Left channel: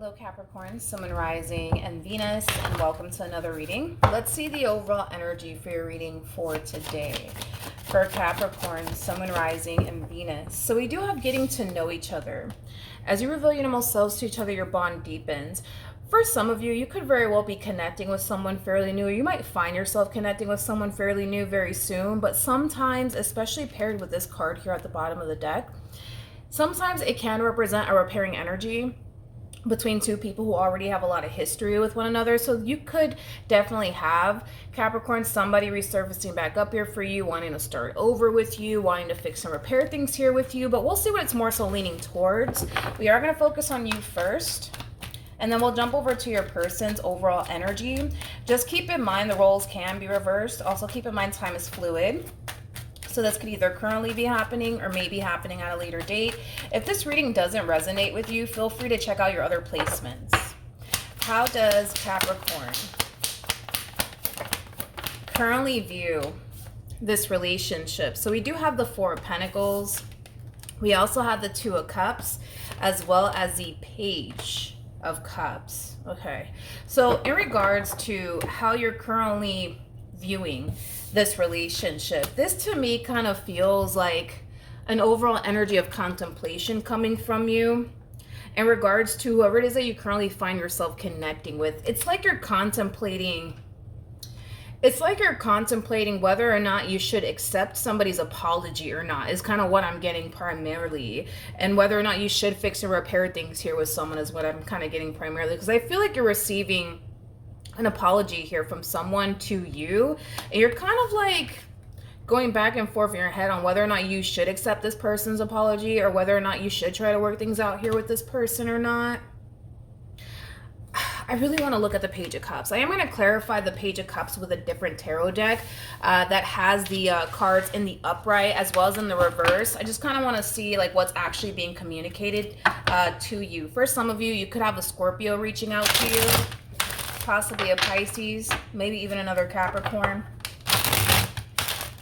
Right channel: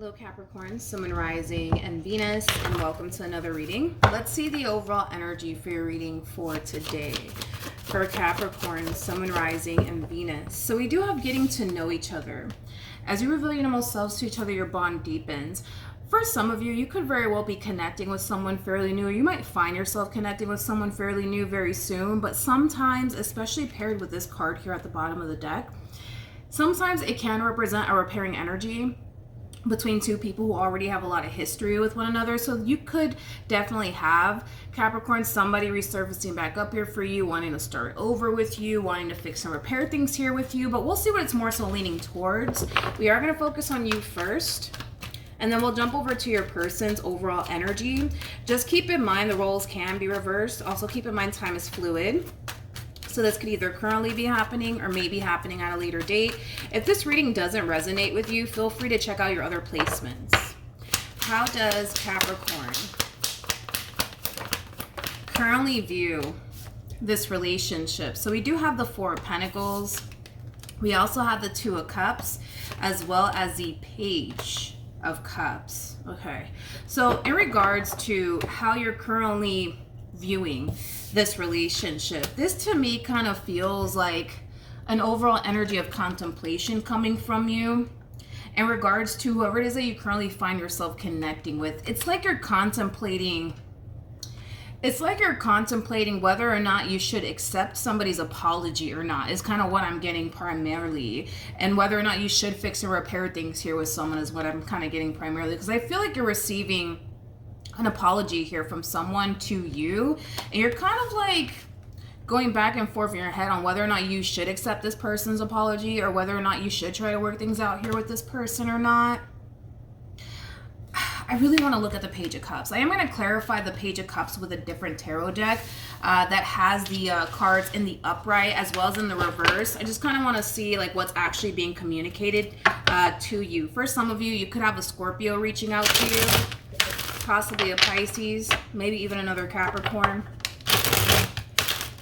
Hello Capricorn, Sun, Moon, Rising, and Venus, and welcome to another reading. Let's see the overall energy for your reading for today. For Capricorn, Sun, Moon, Rising, and Venus. So we do have getting to know each other. As you reveal your innermost selves to each other, your bond deepens. For some of you, you could very well be connecting with someone fairly new. You might find yourself connecting with someone fairly new very soon, but sometimes, especially paired with this card here at the bottom of the deck, sometimes it can represent a repairing energy between two people who already have a lot of history with one another. So you could definitely have, Capricorn, somebody resurfacing back up here for you, wanting to start over with you, wanting to fix and repair things here with you, but we'll see what it's more so leaning towards. We are going to focus on you first, and then we'll jump over to your person's overall energy. Just keep in mind the roles can be reversed. Also keep in mind time is fluid. So this could either currently be happening or maybe happening at a later date. If this reading doesn't resonate with you, feel free to check out your other placements. How does Capricorn currently view this relationship? So we do have the Four of Pentacles. We also have the Two of Cups, as well as the Page of Cups. Okay, so in regards to how you're currently viewing this relationship, this to me kind of feels like an overall energy of contemplation coming from you in regards to whoever it is that you currently find yourself connecting with. It's like you're contemplating whether or not you should accept somebody's apology or not, is kind of what I'm getting primarily. And whether or not you should fix and repair things here with someone is what I'm kind of getting primarily, because I feel like you're receiving an apology here from someone to you, and you're kind of like going back and forth in your head on whether or not you should accept this person's apology or whether or not you should try to work things out here with this person or not. I really want to look at the Page of Cups. I am going to clarify the Page of Cups with a different tarot deck that has the cards in the upright as well as in the reverse. I just kind of want to see like what's actually being communicated to you. For some of you, you could have a Scorpio reaching out to you, possibly a Pisces, maybe even another Capricorn.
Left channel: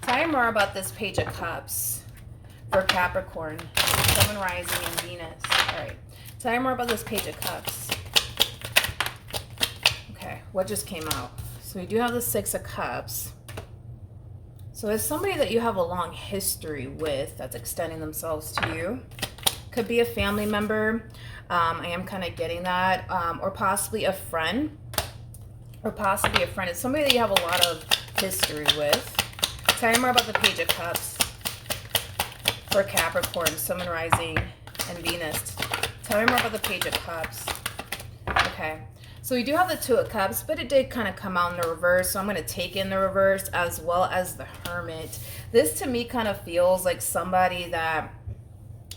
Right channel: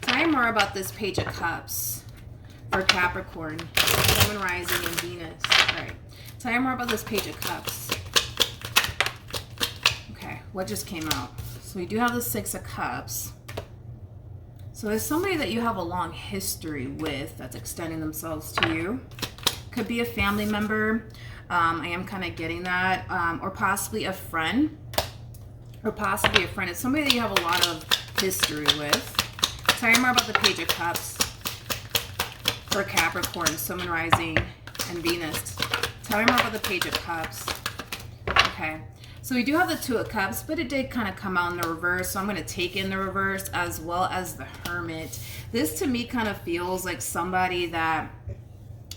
Tell me more about this Page of Cups for Capricorn, Sun, Moon, Rising, and Venus. All right, tell me more about this Page of Cups. Okay, what just came out? So we do have the Six of Cups. So there's somebody that you have a long history with that's extending themselves to you. Could be a family member. I am kind of getting that. Or possibly a friend. It's somebody that you have a lot of history with. Tell me more about the Page of Cups for Capricorn, Sun, Moon, Rising, and Venus. Tell me more about the Page of Cups. Okay, so we do have the Two of Cups, but it did kind of come out in the reverse, so I'm going to take in the reverse as well as the Hermit. This to me kind of feels like somebody that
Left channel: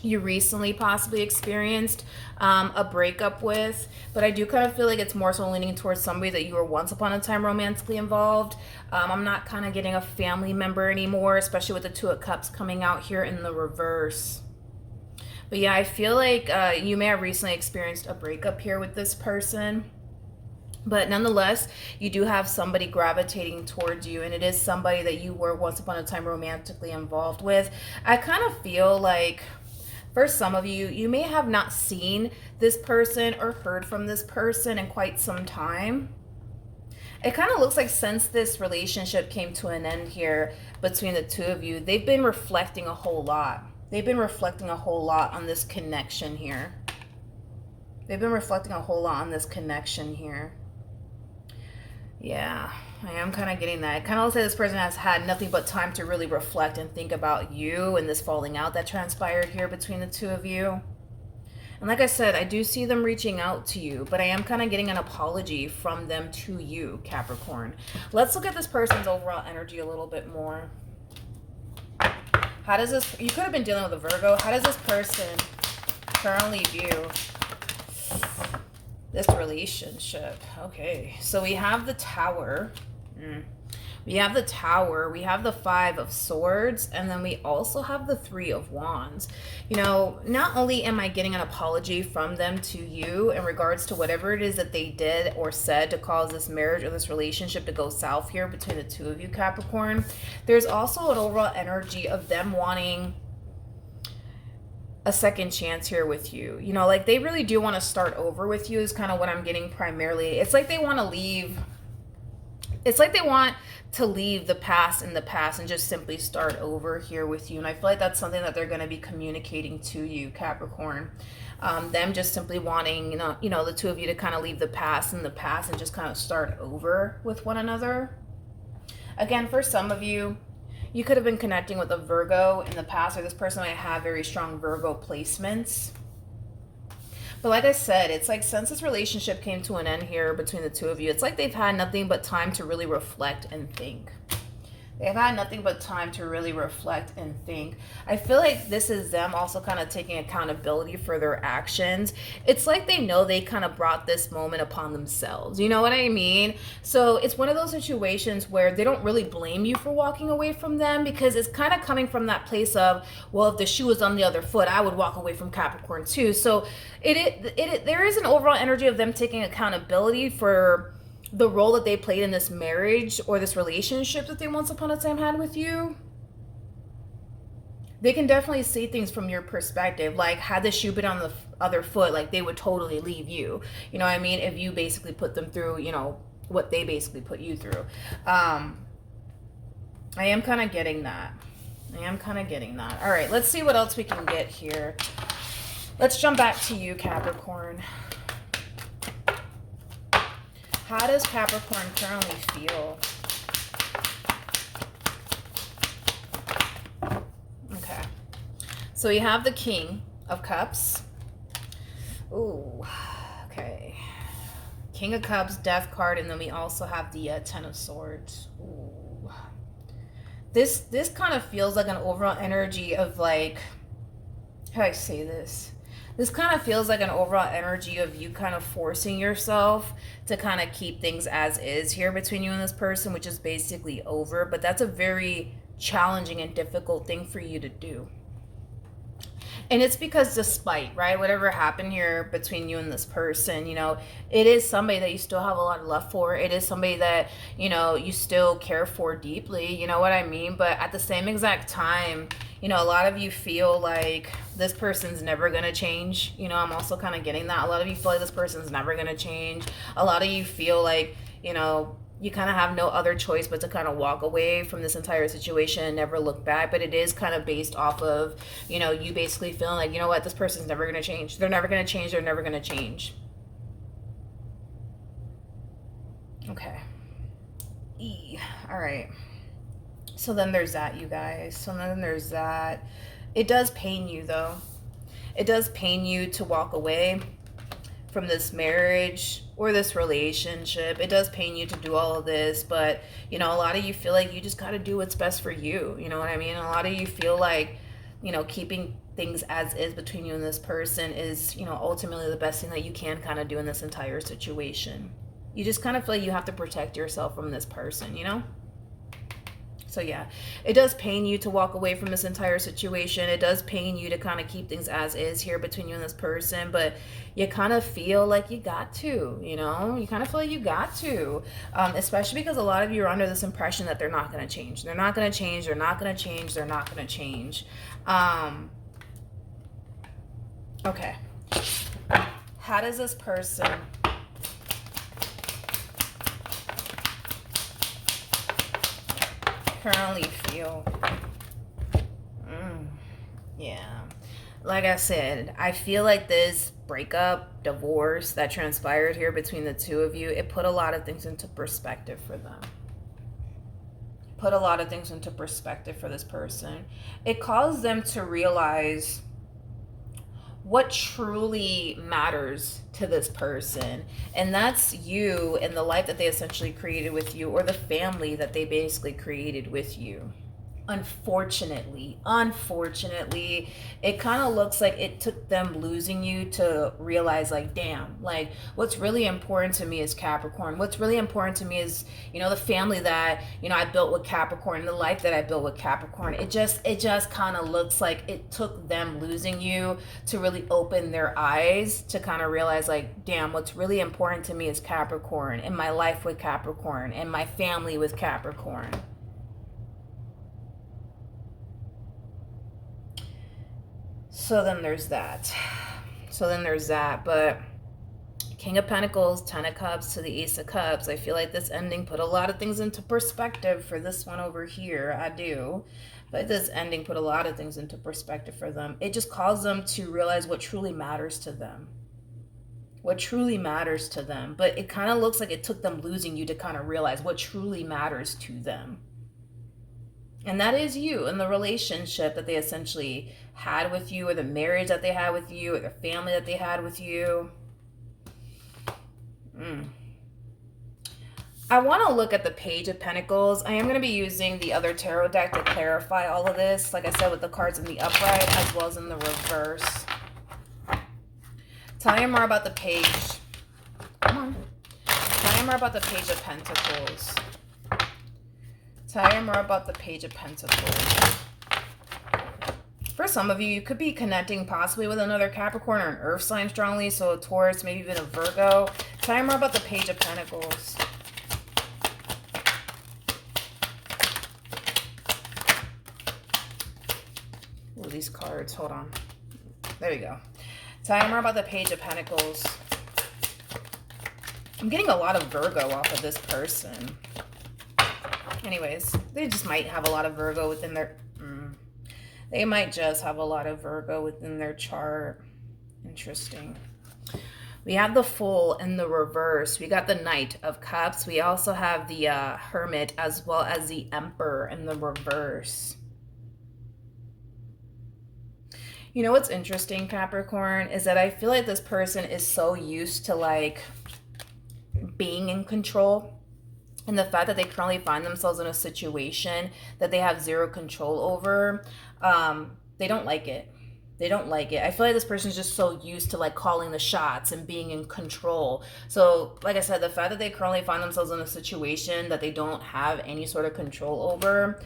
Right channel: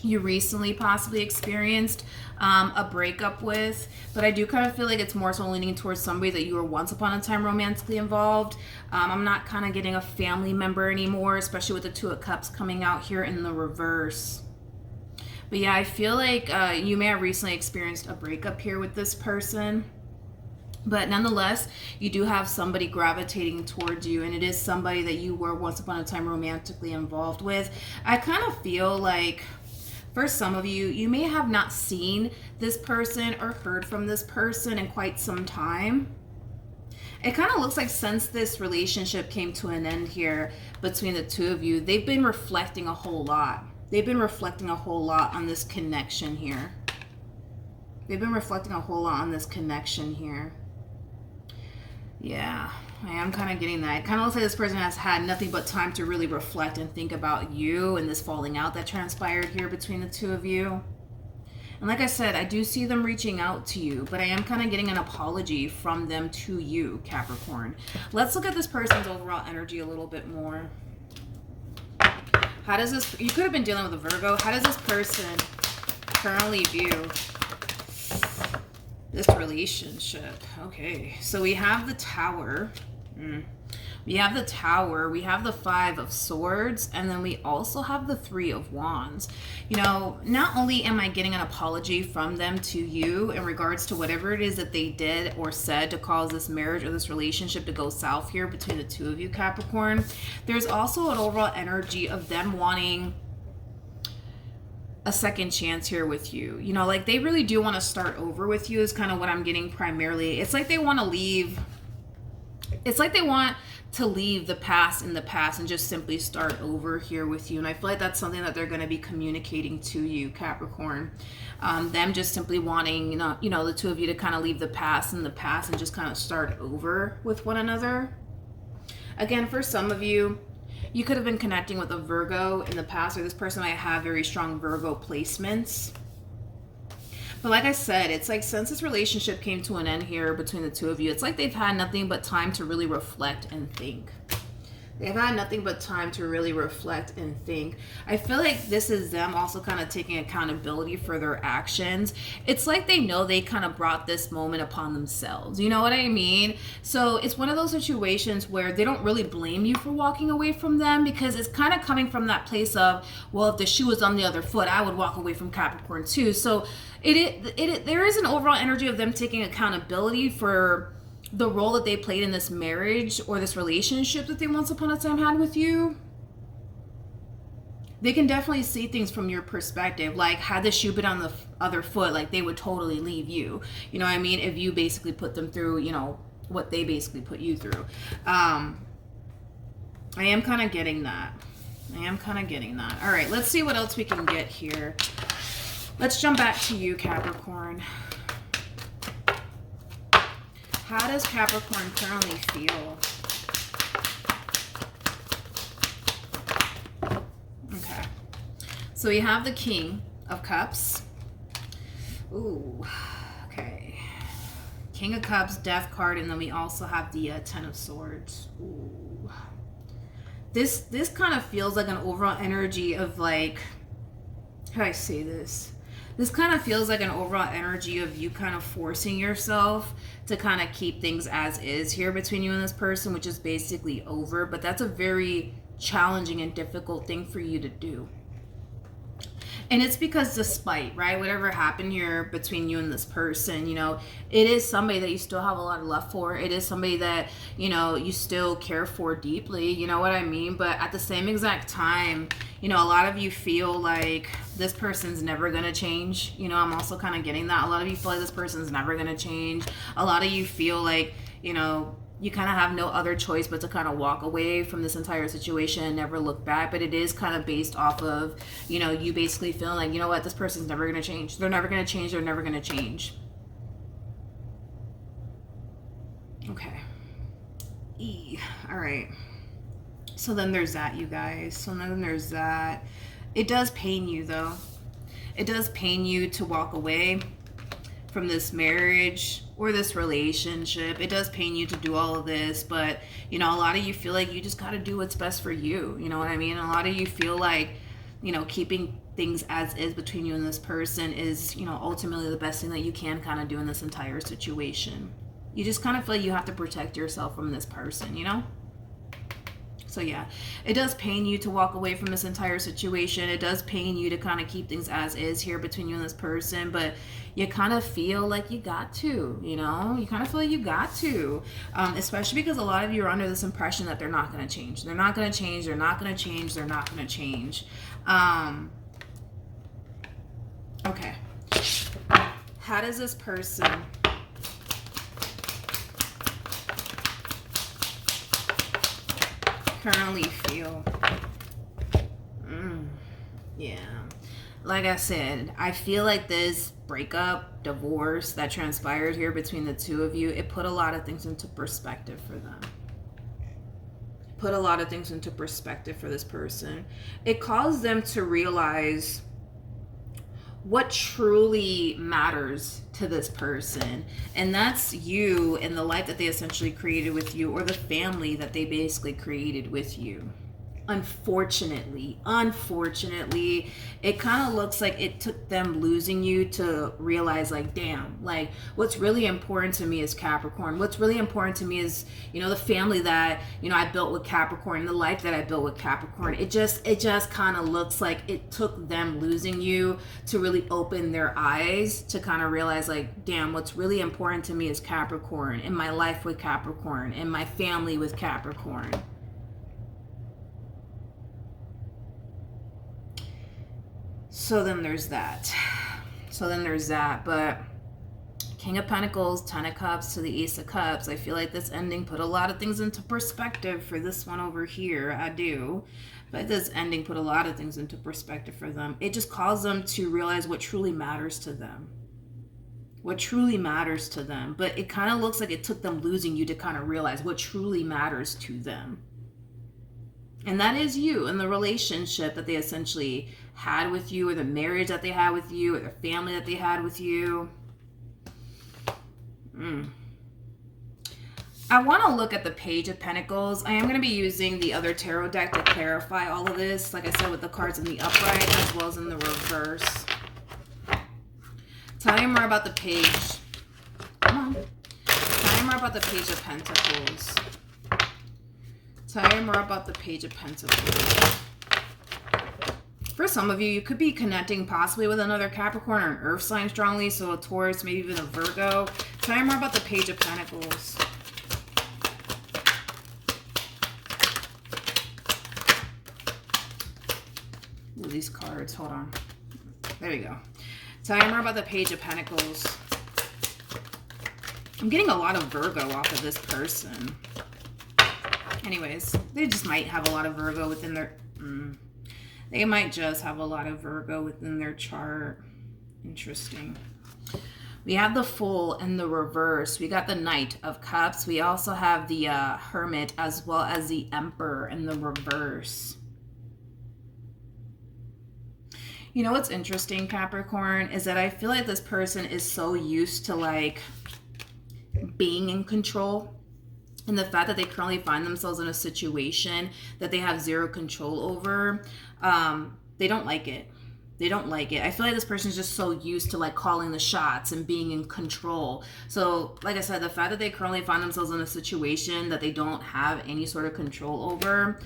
you recently possibly experienced a breakup with, but I do kind of feel like it's more so leaning towards somebody that you were once upon a time romantically involved. I'm not kind of getting a family member anymore, especially with the Two of Cups coming out here in the reverse. But yeah, I feel like you may have recently experienced a breakup here with this person. But nonetheless, you do have somebody gravitating towards you, and it is somebody that you were once upon a time romantically involved with. I kind of feel like for some of you, you may have not seen this person or heard from this person in quite some time. It kind of looks like since this relationship came to an end here between the two of you, they've been reflecting a whole lot. They've been reflecting a whole lot on this connection here. Yeah, I am kind of getting that. It kind of looks like this person has had nothing but time to really reflect and think about you and this falling out that transpired here between the two of you. And like I said, I do see them reaching out to you, but I am kind of getting an apology from them to you, Capricorn. Let's look at this person's overall energy a little bit more. How does this, you could have been dealing with a Virgo. How does this person currently view this relationship? Okay, so we have the Tower. We have the Tower, we have the Five of Swords, and then we also have the Three of Wands. You know, not only am I getting an apology from them to you in regards to whatever it is that they did or said to cause this marriage or this relationship to go south here between the two of you, Capricorn, there's also an overall energy of them wanting a second chance here with you. You know, like they really do want to start over with you is kind of what I'm getting primarily. It's like they want to leave. It's like they want to leave the past in the past and just simply start over here with you. And I feel like that's something that they're going to be communicating to you, Capricorn. Them just simply wanting, you know, the two of you to kind of leave the past in the past and just kind of start over with one another. Again, for some of you, you could have been connecting with a Virgo in the past, or this person might have very strong Virgo placements. But like I said, it's like since this relationship came to an end here between the two of you, it's like they've had nothing but time to really reflect and think. They've had nothing but time to really reflect and think. I feel like this is them also kind of taking accountability for their actions. It's like they know they kind of brought this moment upon themselves. You know what I mean? So it's one of those situations where they don't really blame you for walking away from them, because it's kind of coming from that place of, well, if the shoe was on the other foot, I would walk away from Capricorn too. So there is an overall energy of them taking accountability for the role that they played in this marriage or this relationship that they once upon a time had with you. They can definitely see things from your perspective. Like, had the shoe been on the other foot, like they would totally leave you. You know what I mean? If you basically put them through, you know, what they basically put you through. I am kind of getting that. All right, let's see what else we can get here. Let's jump back to you, Capricorn. How does Capricorn currently feel? Okay. So you have the King of Cups. Ooh, okay. King of Cups, Death card, and then we also have the Ten of Swords. Ooh. This kind of feels like an overall energy of like, how do I say this? This kind of feels like an overall energy of you kind of forcing yourself to kind of keep things as is here between you and this person, which is basically over. But that's a very challenging and difficult thing for you to do. And it's because despite, right, whatever happened here between you and this person, you know, it is somebody that you still have a lot of love for. It is somebody that, you know, you still care for deeply. You know what I mean? But at the same exact time, you know, a lot of you feel like this person's never going to change. You know, I'm also kind of getting that. A lot of you feel like this person's never going to change. A lot of you feel like, you know, you kind of have no other choice but to kind of walk away from this entire situation and never look back. But it is kind of based off of, you know, you basically feeling like, you know what, this person's never going to change. They're never going to change. They're never going to change. Okay. All right. So then there's that, you guys. So then there's that. It does pain you, though. It does pain you to walk away from this marriage or this relationship. It does pain you to do all of this, but, you know, a lot of you feel like you just got to do what's best for you. You know what I mean? A lot of you feel like, you know, keeping things as is between you and this person is, you know, ultimately the best thing that you can kind of do in this entire situation. You just kind of feel like you have to protect yourself from this person, you know? So yeah, it does pain you to walk away from this entire situation. It does pain you to kind of keep things as is here between you and this person, but you kind of feel like you got to, you know? You kind of feel like you got to, especially because a lot of you are under this impression that they're not going to change. They're not going to change. They're not going to change. They're not going to change. Okay. How does this person currently feel? Yeah, like I said, I feel like this breakup, divorce that transpired here between the two of you, it put a lot of things into perspective for them. Put a lot of things into perspective for this person. It caused them to realize what truly matters to this person, and that's you and the life that they essentially created with you, or the family that they basically created with you. Unfortunately, it kind of looks like it took them losing you to realize, like, damn, like, what's really important to me is Capricorn. What's really important to me is, you know, the family that, you know, I built with Capricorn, the life that I built with Capricorn. It just kind of looks like it took them losing you to really open their eyes to kind of realize, like, damn, what's really important to me is Capricorn, and my life with Capricorn, and my family with Capricorn. So then there's that. But King of Pentacles, Ten of Cups to the Ace of Cups. I feel like this ending put a lot of things into perspective for this one over here. I do. But this ending put a lot of things into perspective for them. It just caused them to realize what truly matters to them. What truly matters to them. But it kind of looks like it took them losing you to kind of realize what truly matters to them. And that is you and the relationship that they essentially had with you, or the marriage that they had with you, or the family that they had with you. I want to look at the Page of Pentacles. I am going to be using the other tarot deck to clarify all of this. Like I said, with the cards in the upright as well as in the reverse. Tell me more about the Page. Come on. Tell me more about the Page of Pentacles. Tell me more about the Page of Pentacles. For some of you, you could be connecting possibly with another Capricorn or an Earth sign strongly, so a Taurus, maybe even a Virgo. Tell me more about the Page of Pentacles. Ooh, these cards, hold on. There you go. Tell me more about the Page of Pentacles. I'm getting a lot of Virgo off of this person. Anyways, they just might have a lot of Virgo within their... They might just have a lot of Virgo within their chart. Interesting. We have the Fool in the reverse. We got the Knight of Cups. We also have the Hermit as well as the Emperor in the reverse. You know what's interesting, Capricorn, is that I feel like this person is so used to like being in control. And the fact that they currently find themselves in a situation that they have zero control over, they don't like it. They don't like it. I feel like this person is just so used to like calling the shots and being in control. So like I said, the fact that they currently find themselves in a situation that they don't have any sort of control over,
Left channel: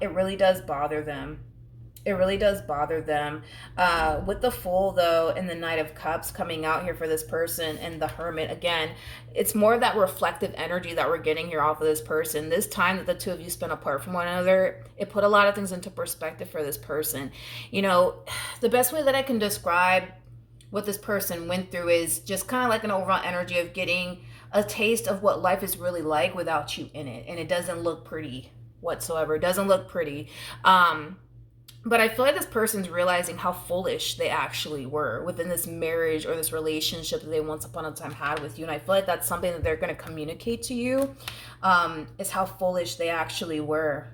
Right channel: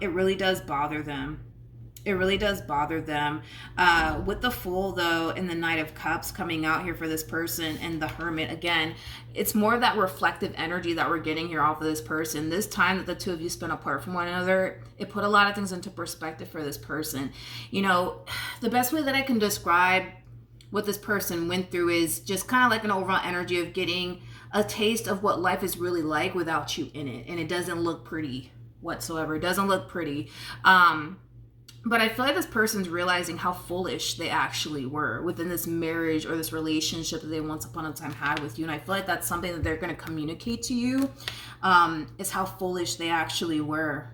it really does bother them. It really does bother them. With the Fool, though, and the Knight of Cups coming out here for this person, and the Hermit, again, it's more of that reflective energy that we're getting here off of this person. This time that the two of you spent apart from one another, it put a lot of things into perspective for this person. You know, the best way that I can describe what this person went through is just kind of like an overall energy of getting a taste of what life is really like without you in it. And it doesn't look pretty whatsoever. It doesn't look pretty. But I feel like this person's realizing how foolish they actually were within this marriage or this relationship that they once upon a time had with you. And I feel like that's something that they're going to communicate to you, is how foolish they actually were.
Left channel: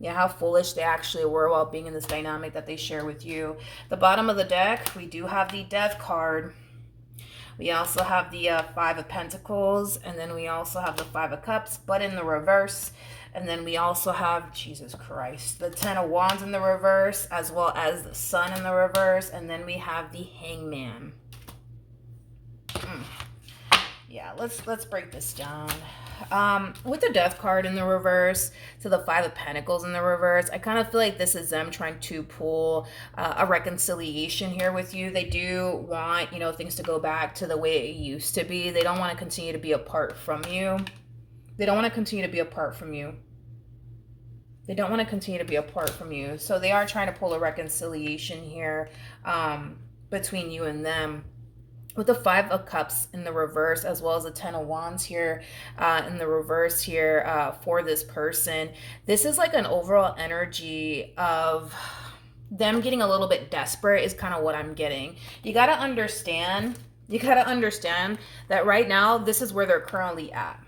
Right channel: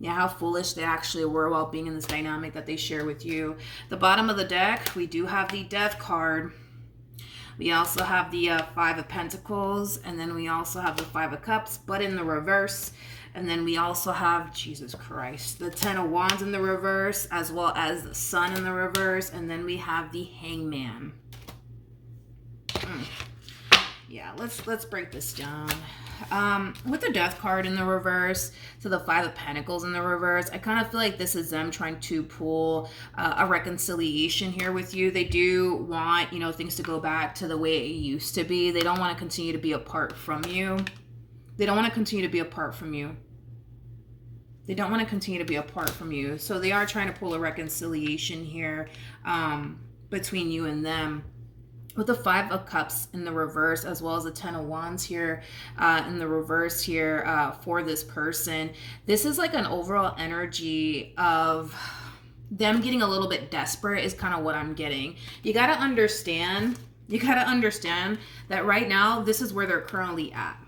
Yeah, how foolish they actually were while being in this dynamic that they share with you. The bottom of the deck, we do have the Death card. We also have the Five of Pentacles, and then we also have the Five of Cups, but in the reverse. And then we also have, Jesus Christ, the Ten of Wands in the reverse, as well as the Sun in the reverse. And then we have the Hangman. Yeah, let's break this down. With the Death card in the reverse to the Five of Pentacles in the reverse, I kind of feel like this is them trying to pull a reconciliation here with you. They do want, you know, things to go back to the way it used to be. They don't want to continue to be apart from you. They don't want to continue to be apart from you. They don't want to continue to be apart from you. So they are trying to pull a reconciliation here between you and them. With the Five of Cups in the reverse, as well as the Ten of Wands here in the reverse here for this person, this is like an overall energy of them getting a little bit desperate is kind of what I'm getting. You got to understand that right now, this is where they're currently at.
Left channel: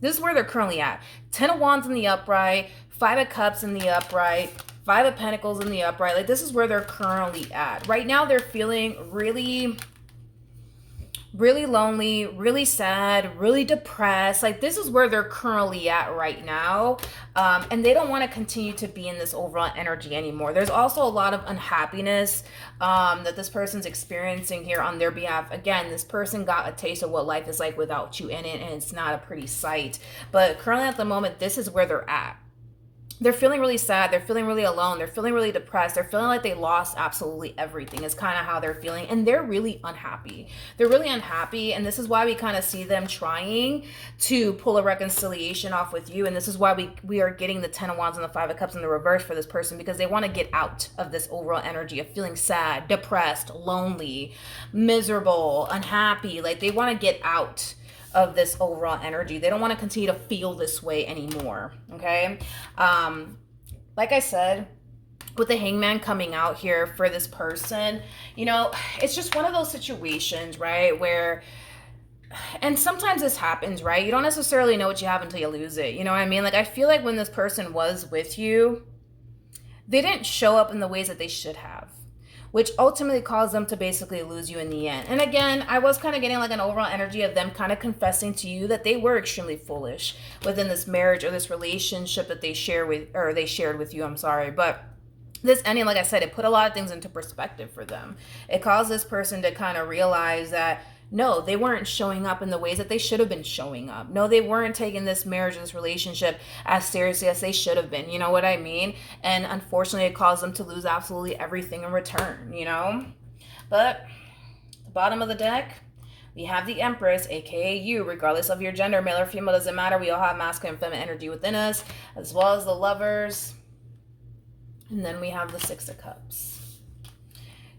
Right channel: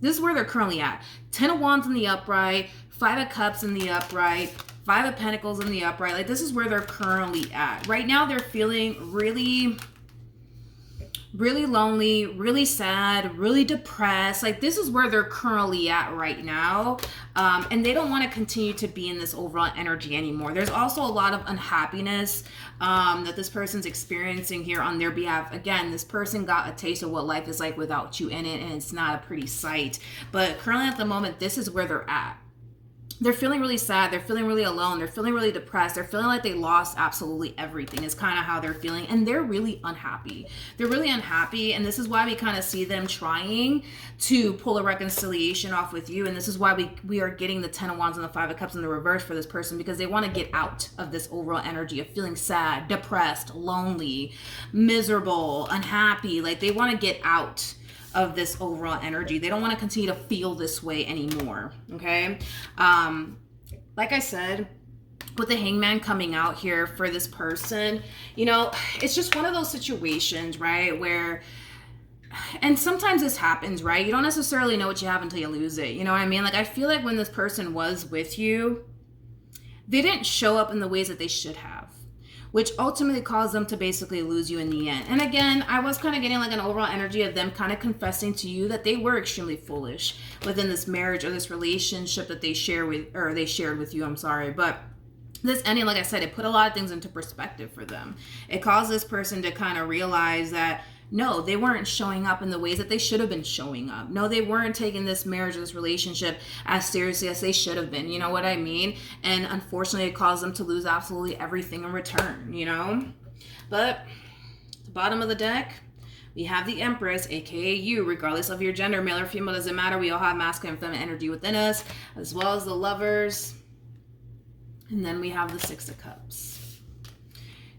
This is where they're currently at. Ten of Wands in the upright, Five of Cups in the upright, Five of Pentacles in the upright. Like, this is where they're currently at. Right now, they're feeling really lonely, really sad, really depressed. Like, this is where they're currently at right now. And they don't want to continue to be in this overall energy anymore. There's also a lot of unhappiness that this person's experiencing here on their behalf. Again, this person got a taste of what life is like without you in it, and it's not a pretty sight. But currently at the moment, this is where they're at. they're feeling really sad. They're feeling really alone. They're feeling really depressed. They're feeling like they lost absolutely everything is kind of how they're feeling. And they're really unhappy. They're really unhappy. And this is why we kind of see them trying to pull a reconciliation off with you. And this is why we are getting the 10 of Wands and the 5 of Cups in the reverse for this person, because they want to get out of this overall energy of feeling sad, depressed, lonely, miserable, unhappy. Like they want to get out of this overall energy. They don't want to continue to feel this way anymore. Okay. Like I said, with the Hangman coming out here for this person, you know, it's just one of those situations, right? Where, and sometimes this happens, right? You don't necessarily know what you have until you lose it. You know what I mean? Like, I feel like when this person was with you, they didn't show up in the ways that they should have, which ultimately caused them to basically lose you in the end. And again, I was kind of getting like an overall energy of them kind of confessing to you that they were extremely foolish within this marriage or this relationship that they shared with you. I'm sorry. But this ending, like I said, it put a lot of things into perspective for them. It caused this person to kind of realize that no, they weren't showing up in the ways that they should have been showing up. No, they weren't taking this marriage, this relationship as seriously as they should have been. You know what I mean? And unfortunately, it caused them to lose absolutely everything in return, you know? But the bottom of the deck, we have the Empress, aka you, regardless of your gender, male or female, doesn't matter. We all have masculine and feminine energy within us, as well as the Lovers. And then we have the Six of Cups.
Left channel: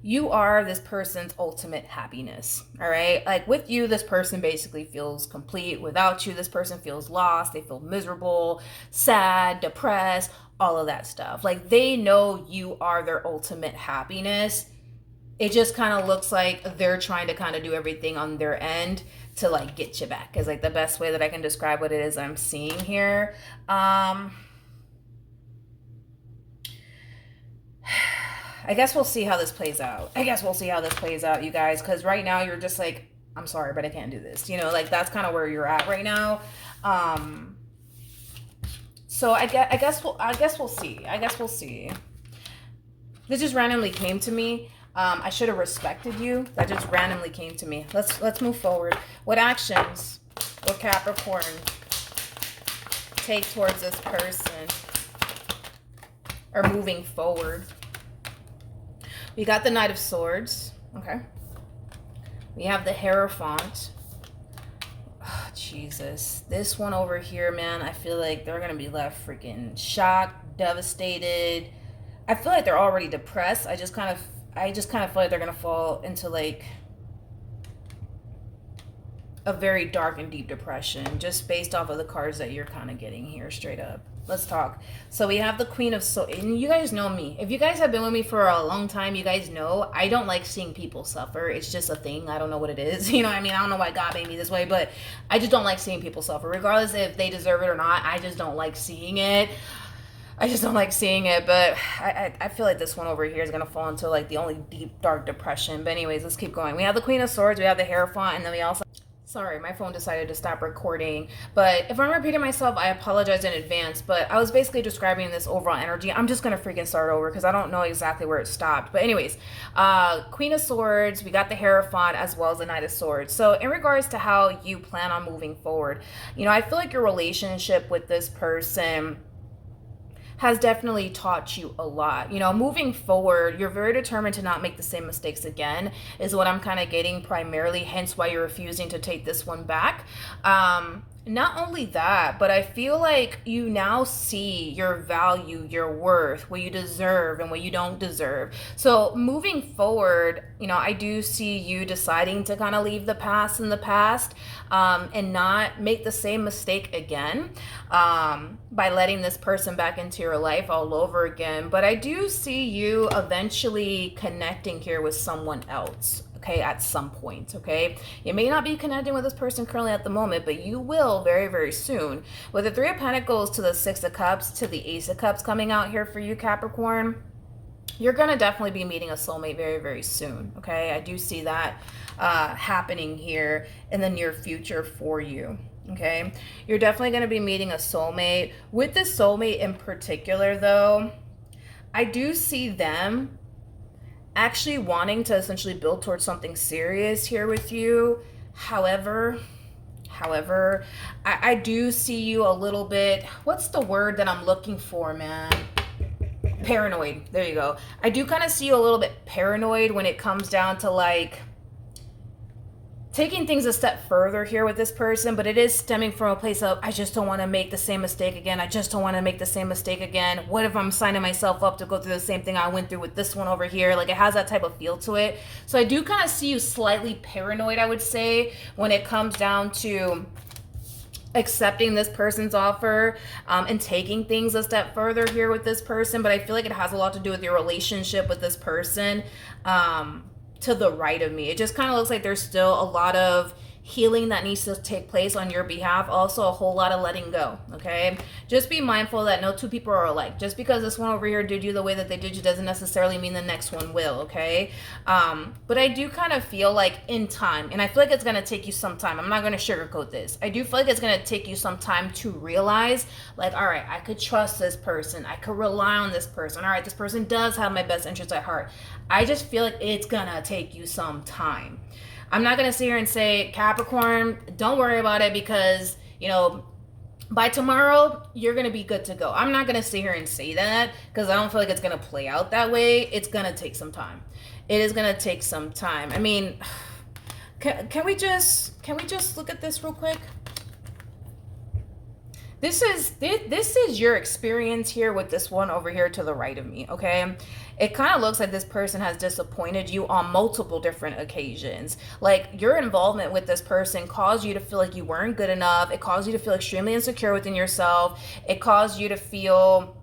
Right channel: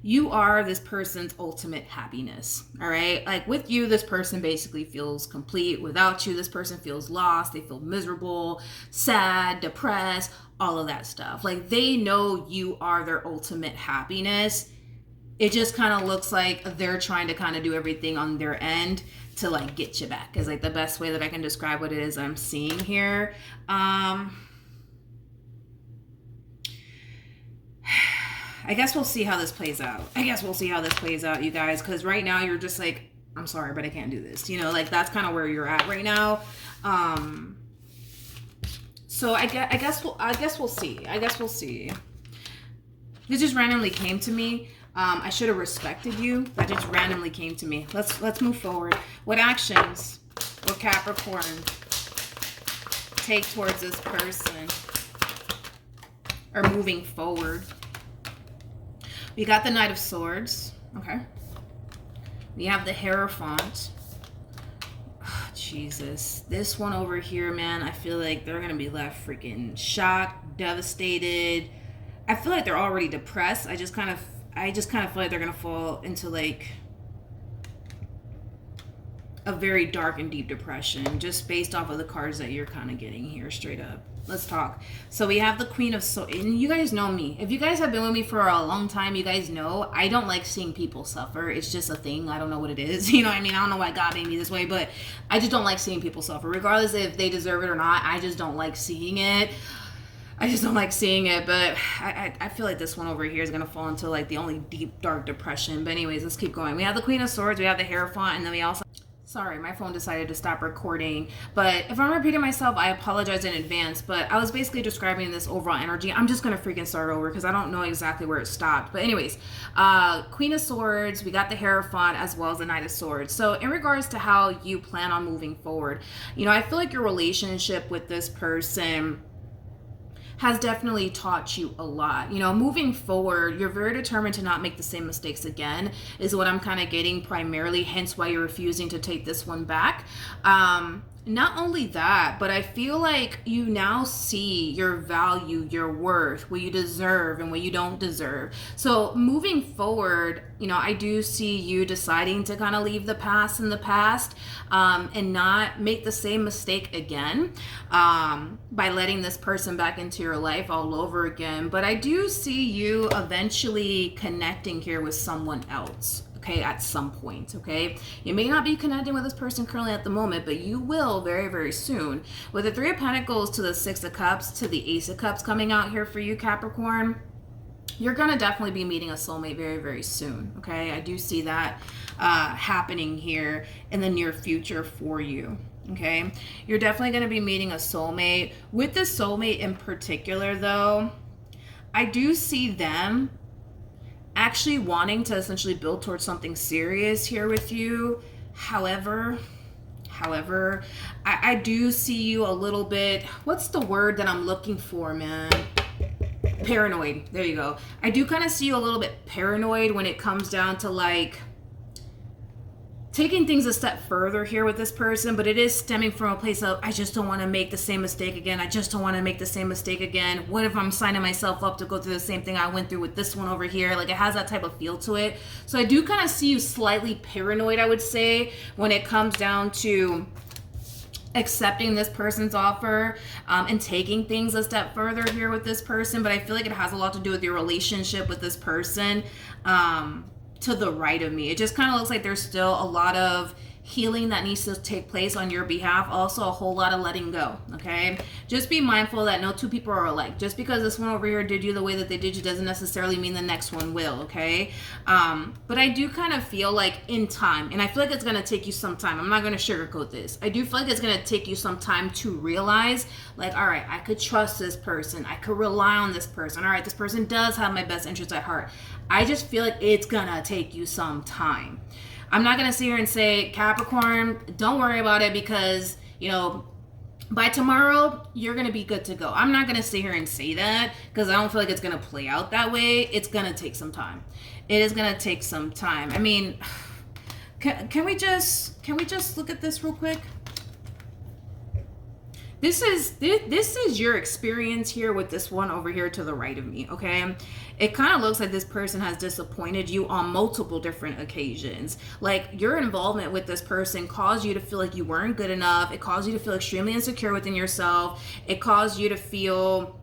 You are this person's ultimate happiness, all right? Like with you, this person basically feels complete. Without you, this person feels lost. They feel miserable, sad, depressed, all of that stuff. Like they know you are their ultimate happiness. It just kind of looks like they're trying to kind of do everything on their end to like get you back is like the best way that I can describe what it is I'm seeing here. I guess we'll see how this plays out. You guys, because right now you're just like, I'm sorry, but I can't do this. You know, like that's kind of where you're at right now. So I guess we'll see. This just randomly came to me. I should have respected you. That just randomly came to me. Let's move forward. What actions will Capricorn take towards this person or moving forward? We got the Knight of Swords. Okay. We have the Hierophant. Oh, Jesus. This one over here, man, I feel like they're going to be left freaking shocked, devastated. I feel like they're already depressed. I just kind of feel like they're going to fall into like a very dark and deep depression just based off of the cards that you're kind of getting here straight up. Let's talk. So we have the Queen of Swords, and you guys know me. If you guys have been with me for a long time, you guys know I don't like seeing people suffer. It's just a thing. I don't know what it is. You know what I mean? I don't know why God made me this way, but I just don't like seeing people suffer. Regardless if they deserve it or not, I just don't like seeing it. But I feel like this one over here is going to fall into like the only deep, dark depression. But anyways, let's keep going. We have the Queen of Swords. We have the Hierophant, and then we also... Sorry, my phone decided to stop recording. But if I'm repeating myself, I apologize in advance. But I was basically describing this overall energy. I'm just going to freaking start over because I don't know exactly where it stopped. But anyways, Queen of Swords, we got the Hierophant as well as the Knight of Swords. So in regards to how you plan on moving forward, you know, I feel like your relationship with this person has definitely taught you a lot. You know, moving forward, you're very determined to not make the same mistakes again, is what I'm kind of getting primarily, hence why you're refusing to take this one back. Not only that, but I feel like you now see your value, your worth, what you deserve and what you don't deserve. So moving forward, you know, I do see you deciding to kind of leave the past in the past, and not make the same mistake again, by letting this person back into your life all over again. But I do see you eventually connecting here with someone else. Okay, at some point, okay? You may not be connecting with this person currently at the moment, but you will very, very soon. With the Three of Pentacles to the Six of Cups to the Ace of Cups coming out here for you, Capricorn, you're gonna definitely be meeting a soulmate very, very soon, okay? I do see that happening here in the near future for you. Okay, you're definitely going to be meeting a soulmate. With the soulmate in particular, though, I do see them actually wanting to essentially build towards something serious here with you. However, However, I do see you a little bit, what's the word that I'm looking for, man? Paranoid. There you go. I do kind of see you a little bit paranoid when it comes down to like taking things a step further here with this person, but it is stemming from a place of, I just don't want to make the same mistake again. I just don't want to make the same mistake again. What if I'm signing myself up to go through the same thing I went through with this one over here? Like, it has that type of feel to it. So I do kind of see you slightly paranoid, I would say, when it comes down to accepting this person's offer and taking things a step further here with this person. But I feel like it has a lot to do with your relationship with this person. To the right of me, it just kind of looks like there's still a lot of healing that needs to take place on your behalf. Also a whole lot of letting go. Okay, just be mindful that no two people are alike. Just because this one over here did you the way that they did you doesn't necessarily mean the next one will. Okay, but I do kind of feel like in time, and I feel like it's going to take you some time. I'm not going to sugarcoat this. I do feel like it's going to take you some time to realize, like, all right, I could trust this person, I could rely on this person, all right, this person does have my best interest at heart. I just feel like it's gonna take you some time. I'm not gonna sit here and say, Capricorn, don't worry about it because, you know, by tomorrow, you're gonna be good to go. I'm not gonna sit here and say that because I don't feel like it's gonna play out that way. It's gonna take some time. It is gonna take some time. I mean, can we just look at this real quick? This is your experience here with this one over here to the right of me, okay? It kind of looks like this person has disappointed you on multiple different occasions. Like, your involvement with this person caused you to feel like you weren't good enough. It caused you to feel extremely insecure within yourself. It caused you to feel...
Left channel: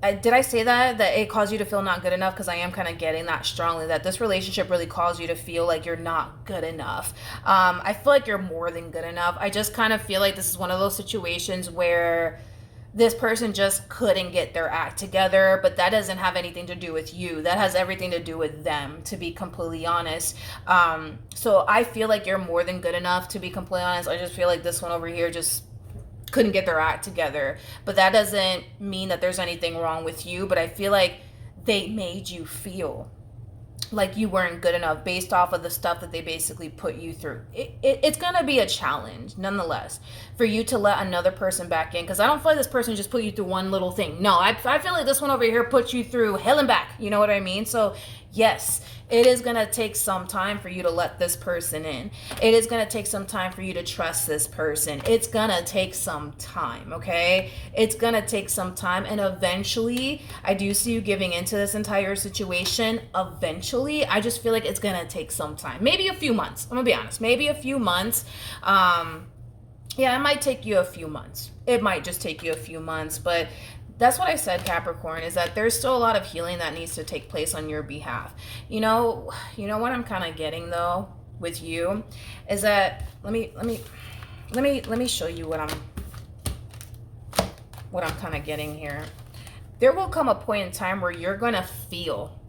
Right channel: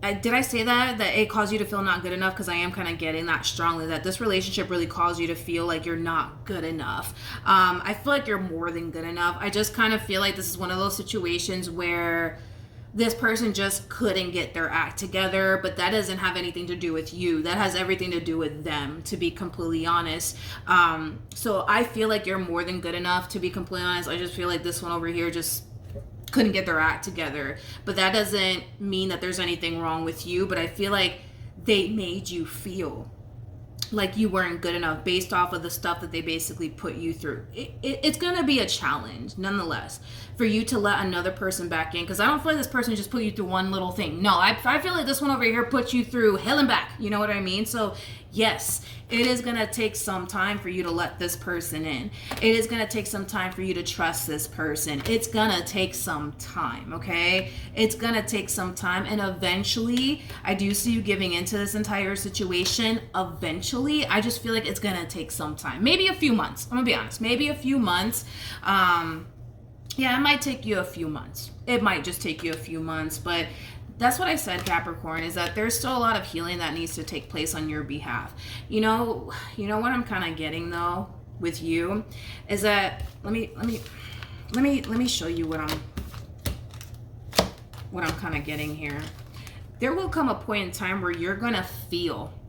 did I say that it caused you to feel not good enough? Because I am kind of getting that strongly, that this relationship really caused you to feel like you're not good enough. I feel like you're more than good enough. I just kind of feel like this is one of those situations where this person just couldn't get their act together, but that doesn't have anything to do with you. That has everything to do with them, to be completely honest. So I feel like you're more than good enough, to be completely honest. I just feel like this one over here just couldn't get their act together, but that doesn't mean that there's anything wrong with you. But I feel like they made you feel like you weren't good enough based off of the stuff that they basically put you through. It's gonna be a challenge nonetheless for you to let another person back in, because I don't feel like this person just put you through one little thing. No, I feel like this one over here put you through hell and back, you know what I mean? So yes, it is going to take some time for you to let this person in. It is going to take some time for you to trust this person. It's going to take some time, okay? It's going to take some time. And eventually, I do see you giving into this entire situation. Eventually, I just feel like it's going to take some time. Maybe a few months. I'm going to be honest. Maybe a few months. Yeah, it might take you a few months. It might just take you a few months, but that's what I said, Capricorn, is that there's still a lot of healing that needs to take place on your behalf. You know what I'm kind of getting though with you is that let me show you what I'm kind of getting here. There will come a point in time where you're going to feel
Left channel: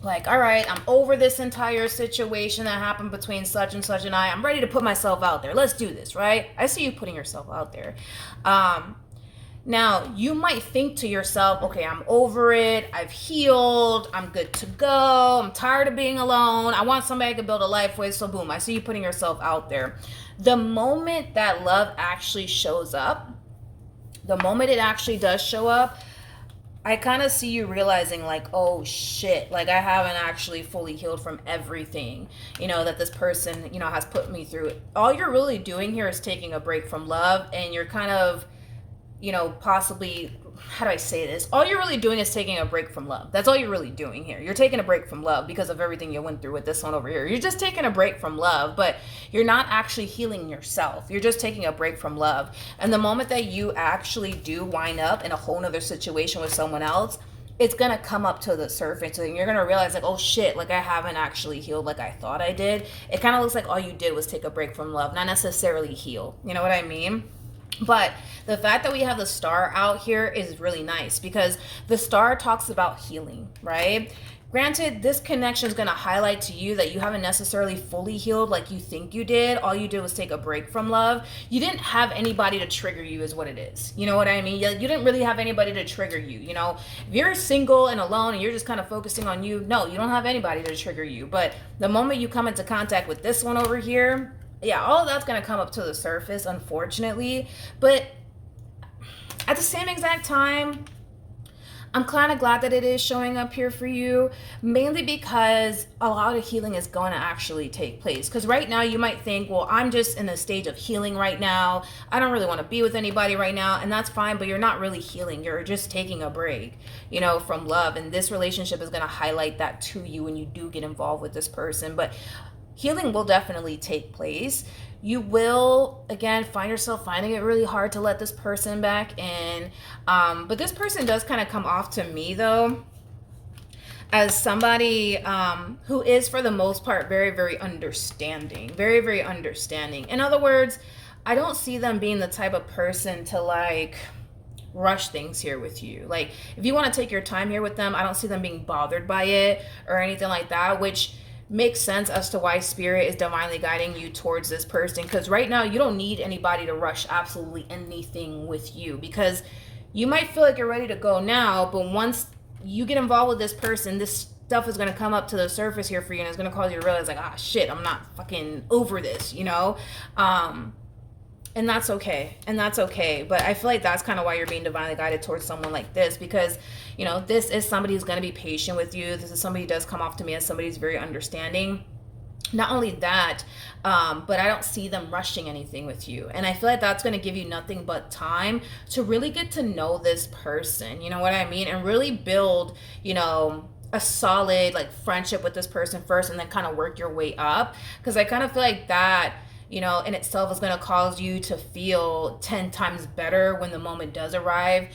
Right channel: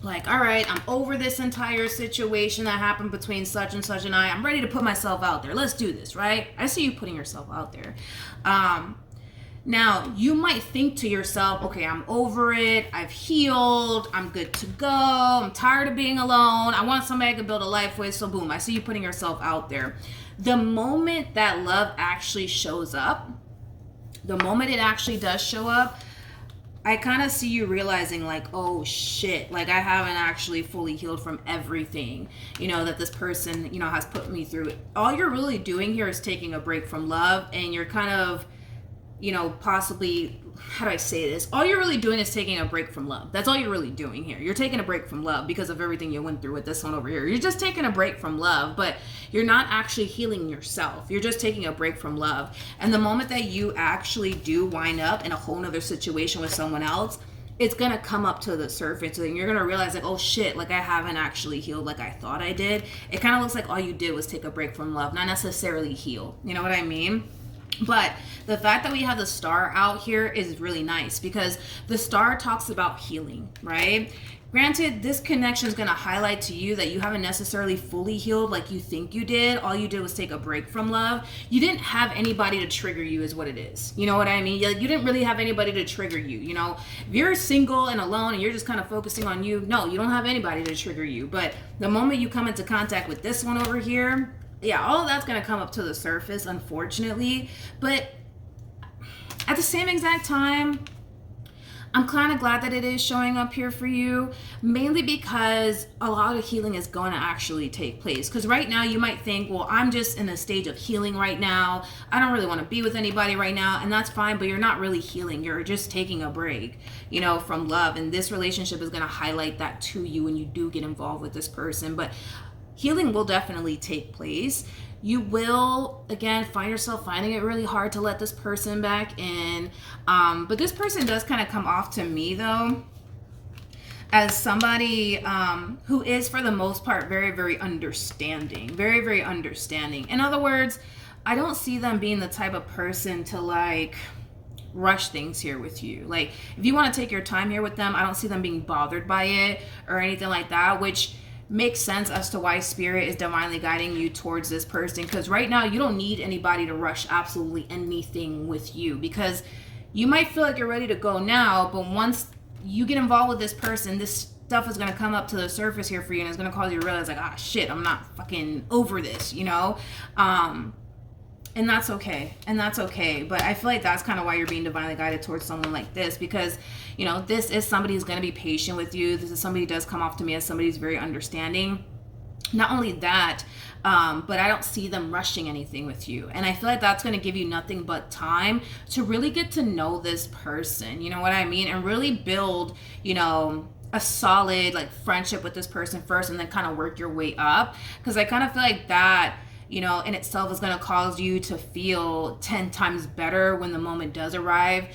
like, all right, I'm over this entire situation that happened between such and such and I'm ready to put myself out there. Let's do this, right? I see you putting yourself out there. Now, you might think to yourself, okay, I'm over it. I've healed. I'm good to go. I'm tired of being alone. I want somebody I can build a life with. So boom, I see you putting yourself out there. The moment that love actually shows up, the moment it actually does show up, I kind of see you realizing like, oh shit, like I haven't actually fully healed from everything, that this person, has put me through. All you're really doing here is taking a break from love, and you're kind of, possibly, how do I say this? All you're really doing is taking a break from love. That's all you're really doing here. You're taking a break from love because of everything you went through with this one over here. You're just taking a break from love, but you're not actually healing yourself. You're just taking a break from love. And the moment that you actually do wind up in a whole nother situation with someone else, it's going to come up to the surface, and you're going to realize like, oh shit, like I haven't actually healed like I thought I did. It kind of looks like all you did was take a break from love, not necessarily heal. You know what I mean? But the fact that we have the star out here is really nice, because the star talks about healing, right? Granted, this connection is going to highlight to you that you haven't necessarily fully healed like you think you did. All you did was take a break from love. You didn't have anybody to trigger you is what it is. You know what I mean? You didn't really have anybody to trigger you. If you're single and alone and you're just kind of focusing on you, no, you don't have anybody to trigger you. But the moment you come into contact with this one over here, yeah, all of that's going to come up to the surface, unfortunately. But at the same exact time, I'm kind of glad that it is showing up here for you, mainly because a lot of healing is going to actually take place. Because right now you might think, well, I'm just in a stage of healing right now. I don't really want to be with anybody right now, and that's fine, but you're not really healing. You're just taking a break, you know, from love. And this relationship is going to highlight that to you when you do get involved with this person. But healing will definitely take place. You will, again, find yourself finding it really hard to let this person back in. But this person does kind of come off to me, though, as somebody who is, for the most part, very, very understanding. Very, very understanding. In other words, I don't see them being the type of person to, like, rush things here with you. Like, if you want to take your time here with them, I don't see them being bothered by it or anything like that, which makes sense as to why spirit is divinely guiding you towards this person, because right now you don't need anybody to rush absolutely anything with you, because you might feel like you're ready to go now, but once you get involved with this person, this stuff is going to come up to the surface here for you, and it's going to cause you to realize, like, ah, shit, I'm not fucking over this, you know? And that's okay. And that's okay. But I feel like that's kind of why you're being divinely guided towards someone like this, because, you know, this is somebody who's going to be patient with you. This is somebody who does come off to me as somebody who's very understanding. Not only that, but I don't see them rushing anything with you. And I feel like that's going to give you nothing but time to really get to know this person. You know what I mean? And really build, you know, a solid, like, friendship with this person first, and then kind of work your way up. Because I kind of feel like that, you know, in itself is going to cause you to feel 10 times better when the moment does arrive,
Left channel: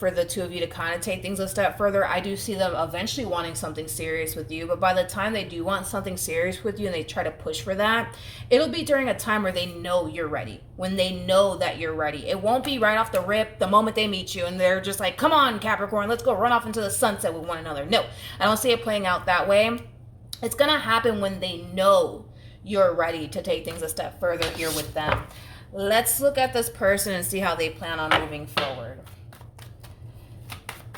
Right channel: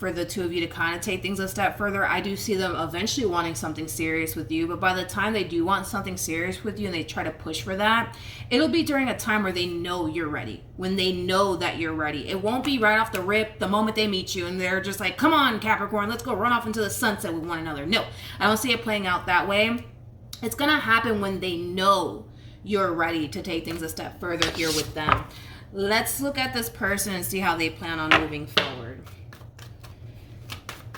for the two of you to kind of take things a step further. I do see them eventually wanting something serious with you, but by the time they do want something serious with you and they try to push for that, it'll be during a time where they know you're ready, when they know that you're ready. It won't be right off the rip the moment they meet you and they're just like, come on, Capricorn, let's go run off into the sunset with one another. No, I don't see it playing out that way. It's going to happen when they know you're ready to take things a step further here with them. Let's look at this person and see how they plan on moving forward.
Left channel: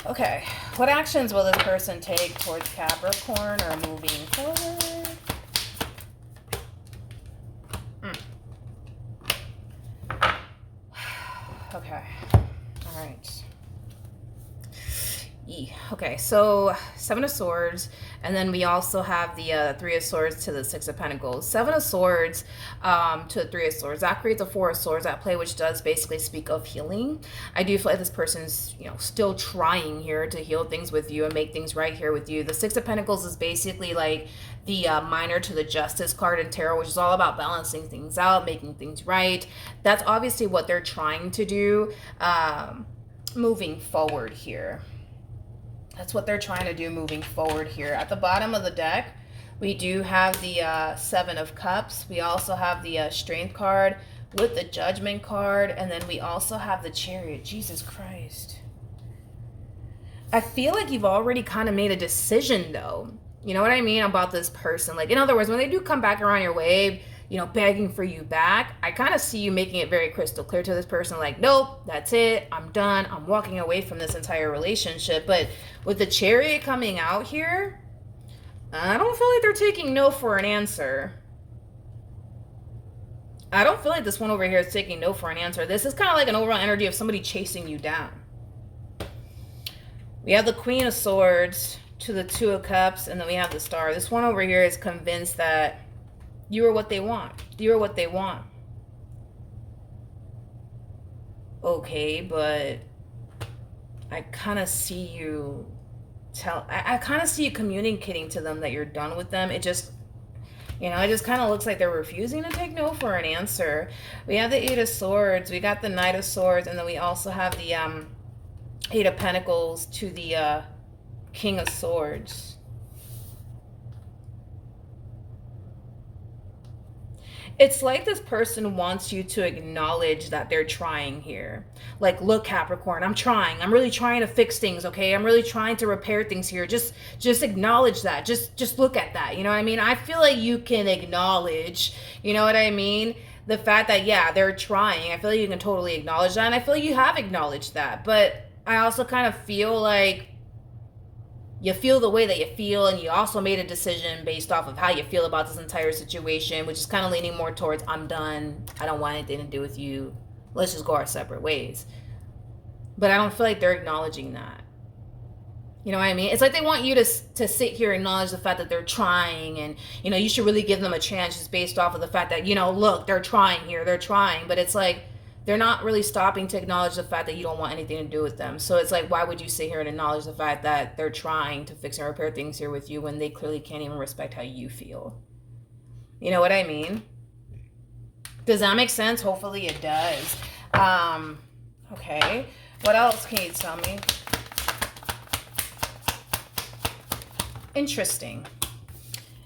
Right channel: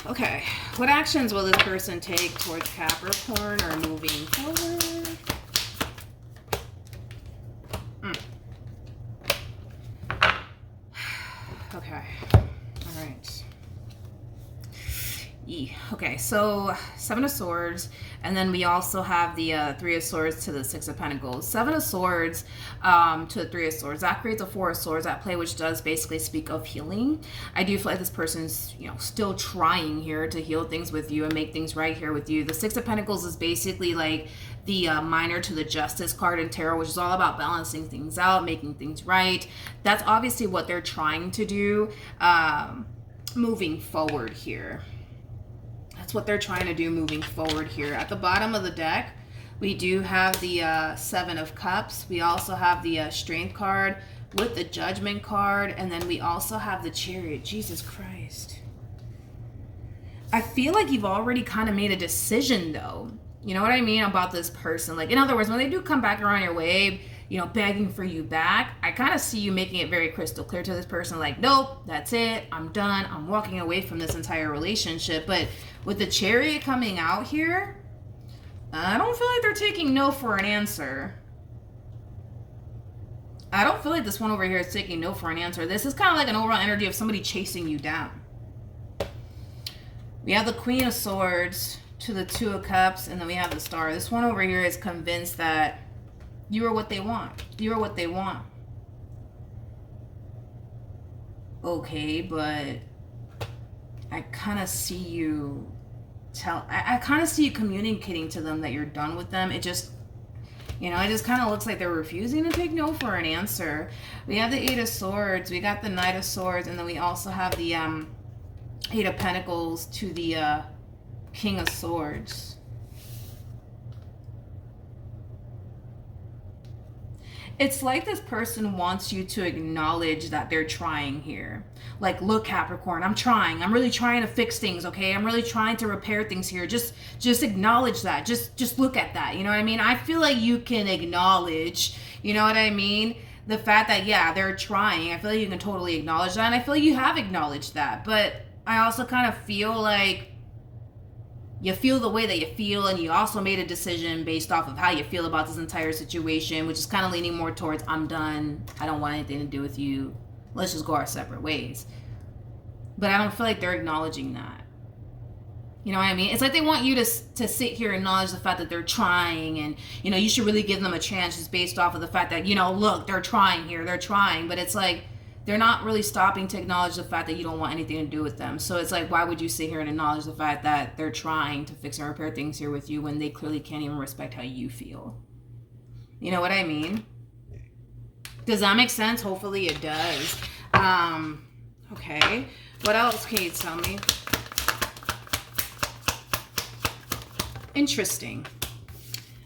Okay, what actions will this person take towards Capricorn or moving forward? Okay, all right. Okay, so Seven of Swords, and then we also have the Three of Swords to the Six of Pentacles. Seven of Swords to the Three of Swords. That creates a Four of Swords at play, which does basically speak of healing. I do feel like this person's, you know, still trying here to heal things with you and make things right here with you. The Six of Pentacles is basically like the minor to the Justice card in tarot, which is all about balancing things out, making things right. That's obviously what they're trying to do moving forward here. That's what they're trying to do moving forward here. At the bottom of the deck, we do have the Seven of Cups. We also have the Strength card with the Judgment card. And then we also have the Chariot. Jesus Christ. I feel like you've already kind of made a decision, though. You know what I mean? About this person. Like, in other words, when they do come back around your way, you know, begging for you back, I kind of see you making it very crystal clear to this person, like, nope, that's it, I'm done, I'm walking away from this entire relationship. But with the Chariot coming out here, I don't feel like they're taking no for an answer. I don't feel like this one over here is taking no for an answer. This is kind of like an overall energy of somebody chasing you down. We have the Queen of Swords to the Two of Cups, and then we have the Star. This one over here is convinced that you are what they want. You are what they want. Okay, but I kind of see you I kind of see you communicating to them that you're done with them. It just, you know, it just kind of looks like they're refusing to take no for an answer. We have the Eight of Swords. We got the Knight of Swords. And then we also have the Eight of Pentacles to the King of Swords. It's like this person wants you to acknowledge that they're trying here. Like, look, Capricorn, I'm trying. I'm really trying to fix things, okay? I'm really trying to repair things here. Just acknowledge that. Just look at that. You know what I mean? I feel like you can acknowledge, you know what I mean? The fact that, yeah, they're trying. I feel like you can totally acknowledge that. And I feel like you have acknowledged that. But I also kind of feel like you feel the way that you feel, and you also made a decision based off of how you feel about this entire situation, which is kind of leaning more towards, I'm done, I don't want anything to do with you, let's just go our separate ways. But I don't feel like they're acknowledging that. You know what I mean? It's like they want you to sit here and acknowledge the fact that they're trying, and, you know, you should really give them a chance just based off of the fact that, you know, look, they're trying here, they're trying. But it's like, they're not really stopping to acknowledge the fact that you don't want anything to do with them. So it's like, why would you sit here and acknowledge the fact that they're trying to fix and repair things here with you when they clearly can't even respect how you feel? You know what I mean? Does that make sense? Hopefully it does. Okay. What else can you tell me? Interesting.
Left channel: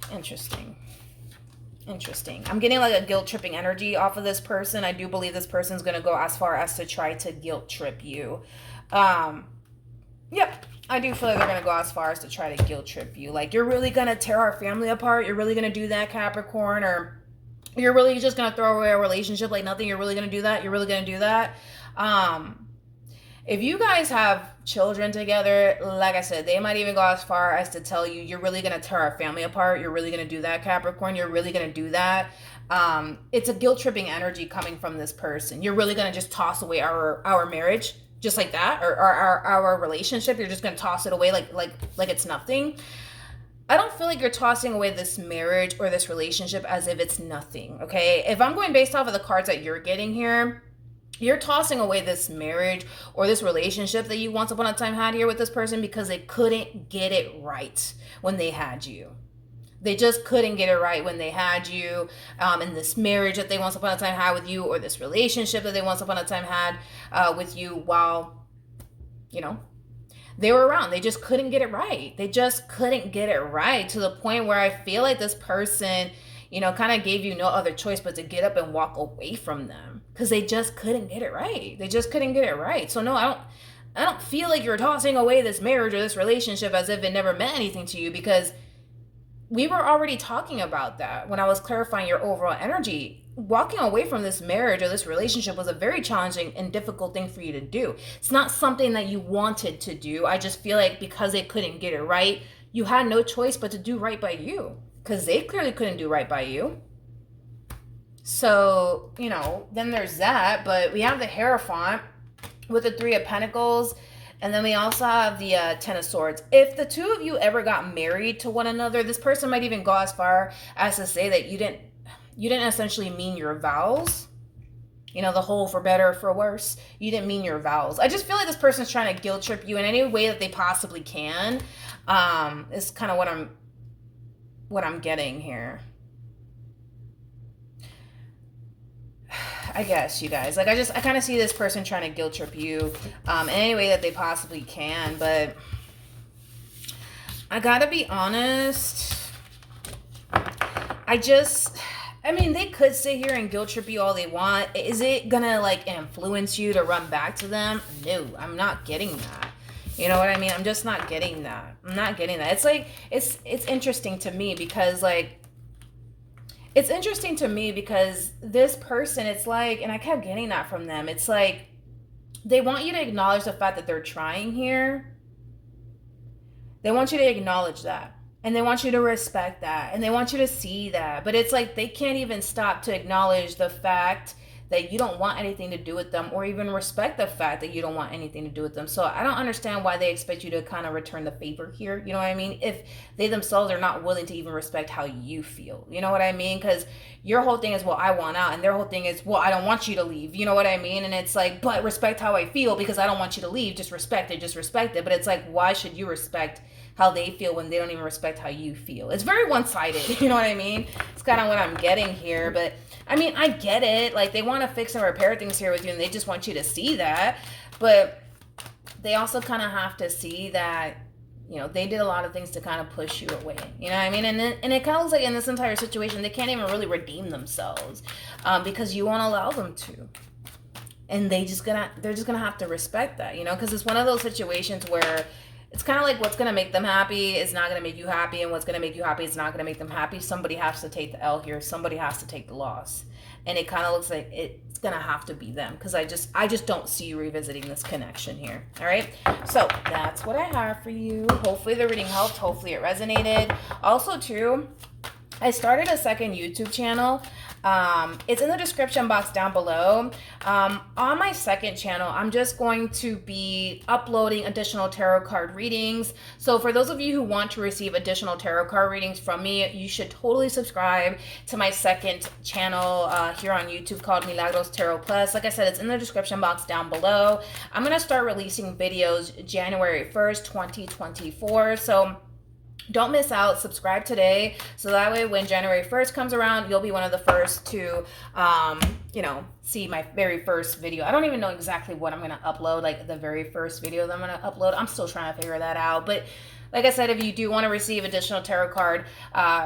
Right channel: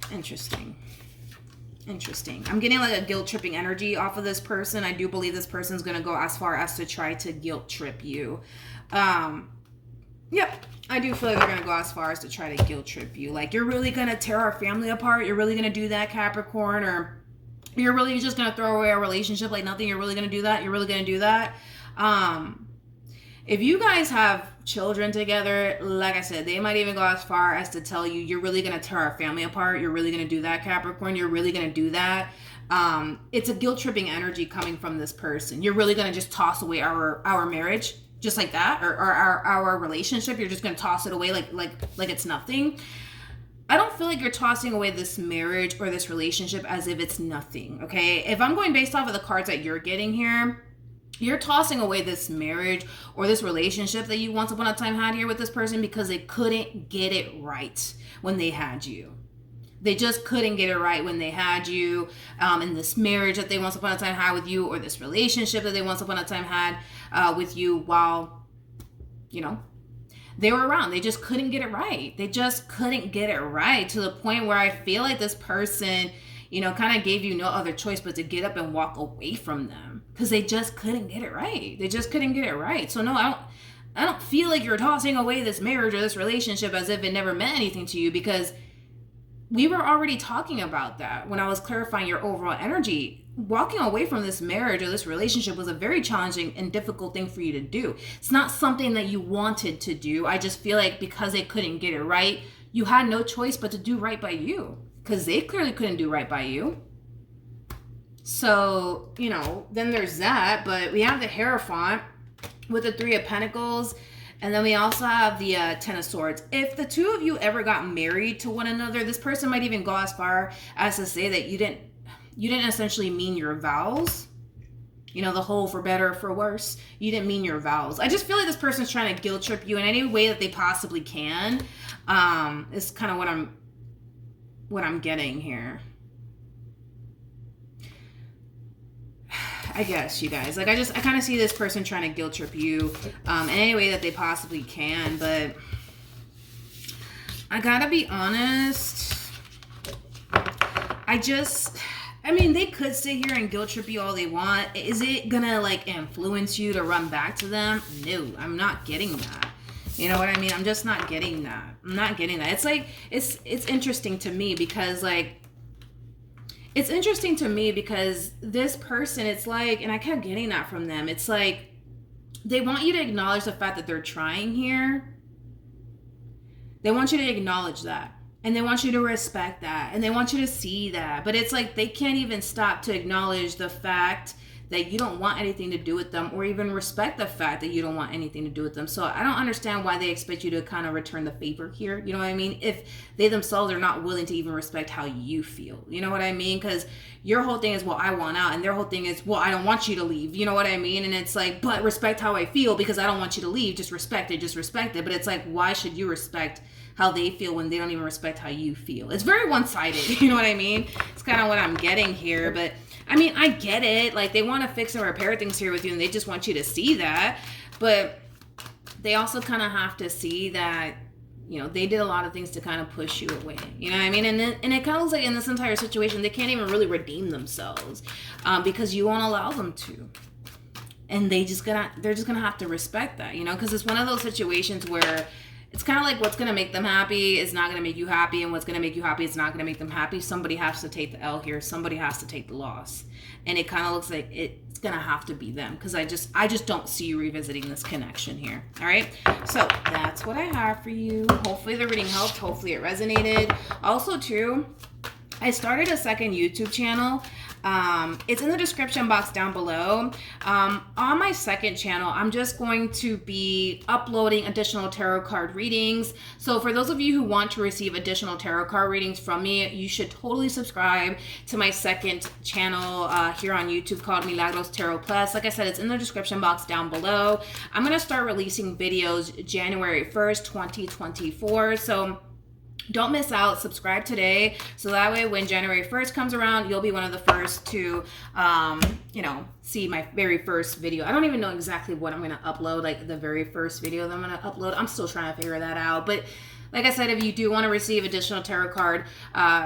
I'm getting like a guilt tripping energy off of this person. I do believe this person's going to go as far as to try to guilt trip you. Yep. I do feel like they're going to go as far as to try to guilt trip you. Like, you're really going to tear our family apart? You're really going to do that, Capricorn? Or you're really just going to throw away a relationship like nothing? You're really going to do that? You're really going to do that? If you guys have children together, like I said, they might even go as far as to tell you, you're really going to tear our family apart. You're really going to do that, Capricorn. You're really going to do that. It's a guilt-tripping energy coming from this person. You're really going to just toss away our marriage just like that, or our relationship. You're just going to toss it away like it's nothing. I don't feel like you're tossing away this marriage or this relationship as if it's nothing, okay? If I'm going based off of the cards that you're getting here, you're tossing away this marriage or this relationship that you once upon a time had here with this person because they couldn't get it right when they had you. They just couldn't get it right when they had you, in this marriage that they once upon a time had with you, or this relationship that they once upon a time had with you while, you know, they were around. They just couldn't get it right. They just couldn't get it right, to the point where I feel like this person, you know, kind of gave you no other choice but to get up and walk away from them because they just couldn't get it right. They just couldn't get it right. So no, I don't feel like you're tossing away this marriage or this relationship as if it never meant anything to you, because we were already talking about that when I was clarifying your overall energy. Walking away from this marriage or this relationship was a very challenging and difficult thing for you to do. It's not something that you wanted to do. I just feel like because they couldn't get it right, you had no choice but to do right by you, because they clearly couldn't do right by you. So, you know, then there's that. But we have the Hierophant with the Three of Pentacles. And then we also have the Ten of Swords. If the two of you ever got married to one another, this person might even go as far as to say that you didn't essentially mean your vows. You know, the whole for better or for worse. You didn't mean your vows. I just feel like this person's trying to guilt trip you in any way that they possibly can. Is kind of what I'm getting here. I guess, you guys. Like, I kind of see this person trying to guilt trip you in any way that they possibly can. But I gotta be honest. I mean, they could sit here and guilt trip you all they want. Is it gonna, like, influence you to run back to them? No, I'm not getting that. You know what I mean? I'm just not getting that. I'm not getting that. It's like, it's interesting to me because, like, it's interesting to me because this person, it's like, and I kept getting that from them, it's like they want you to acknowledge the fact that they're trying here. They want you to acknowledge that. And they want you to respect that. And they want you to see that. But it's like they can't even stop to acknowledge the fact that you don't want anything to do with them, or even respect the fact that you don't want anything to do with them. So I don't understand why they expect you to kind of return the favor here. You know what I mean? If they themselves are not willing to even respect how you feel. You know what I mean? Because your whole thing is, well, I want out. And their whole thing is, well, I don't want you to leave. You know what I mean? And it's like, but respect how I feel because I don't want you to leave. Just respect it. Just respect it. But it's like, why should you respect how they feel when they don't even respect how you feel? It's very one-sided. You know what I mean? It's kind of what I'm getting here. But I mean, I get it. Like, they want to fix and repair things here with you, and they just want you to see that. But they also kind of have to see that, you know, they did a lot of things to kind of push you away. You know what I mean? And it kind of looks like in this entire situation, they can't even really redeem themselves because you won't allow them to. And they're just gonna have to respect that, you know, because it's one of those situations where it's kind of like what's going to make them happy is not going to make you happy, and what's going to make you happy is not going to make them happy. Somebody has to take the L here. Somebody has to take the loss. And it kind of looks like it's going to have to be them, because I just don't see you revisiting this connection here. All right. So that's what I have for you. Hopefully the reading helped. Hopefully it resonated. Also too, I started a second YouTube channel. It's in the description box down below. On my second channel, I'm just going to be uploading additional tarot card readings. So for those of you who want to receive additional tarot card readings from me, you should totally subscribe to my second channel here on YouTube called Milagros Tarot Plus. Like I said, it's in the description box down below. I'm going to start releasing videos January 1st, 2024. So don't miss out. Subscribe today, so that way when January 1st comes around, you'll be one of the first to, see my very first video. I don't even know exactly what I'm going to upload, like the very first video that I'm going to upload. I'm still trying to figure that out. But like I said, if you do want to receive additional tarot card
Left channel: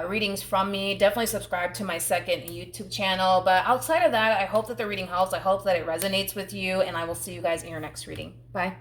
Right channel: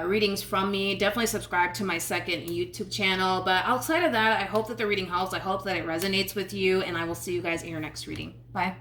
readings from me, definitely subscribe to my second YouTube channel. But outside of that, I hope that the reading helps. I hope that it resonates with you, and I will see you guys in your next reading. Bye.